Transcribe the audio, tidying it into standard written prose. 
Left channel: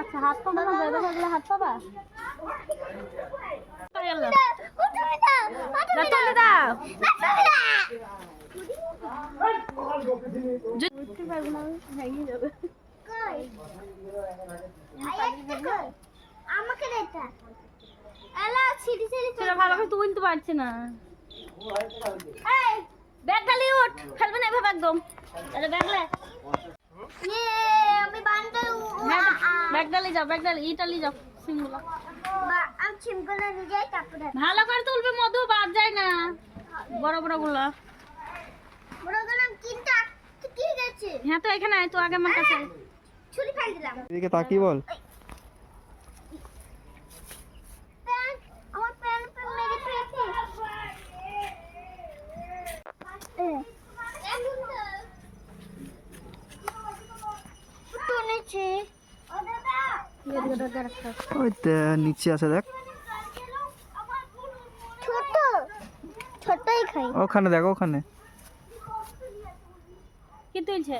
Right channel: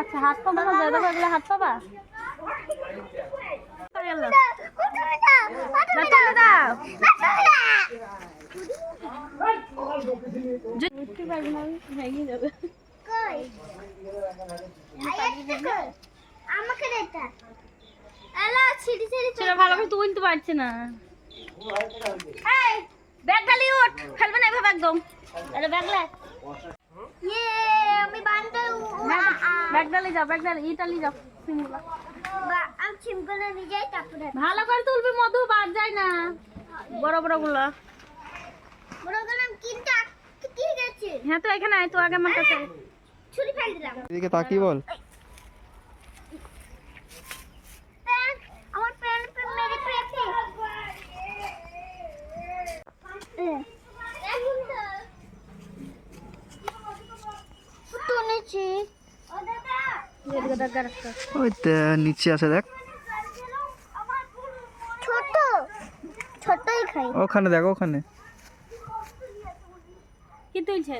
আচ্ছা হাত পা মারো, দাদা বাগলা হাত পাবা আমাকে এটা এলা ছিড়ি ছিড়ি সেটা ভালো করে তুলতে পারছে না। এই ব্যাগ ডালি উঠ, ফেলবে না এভাবে একদম। আরে ব্যাগ লে, ইয়ে আমি বানতে ব্যাগ ডালি যাও, ব্যাগ ডালি ইটালি যাও সিমগুলা। আমি চিমগুলো নিয়ে যাই তারপরে ভালো করে তুলবি, মধু বাদ যায় না বড় বড় গুলা। বড় গেলাম কিন্তু কি গেছে হ্যাঁ তো এখানে আয় তো আগে আমার কাছে। ছুরি ফেল দিলাম এদিকে তাকিয়ে বল। আমার প্যান্ট মেরে পেয়েছে টুনেছে ও দাদা এদিকে দাদা রাখো। ওই নিচে আছে দেখ, ছোট ছোটই খাই ওখানে দেখ ওখানে। কি তুলছে?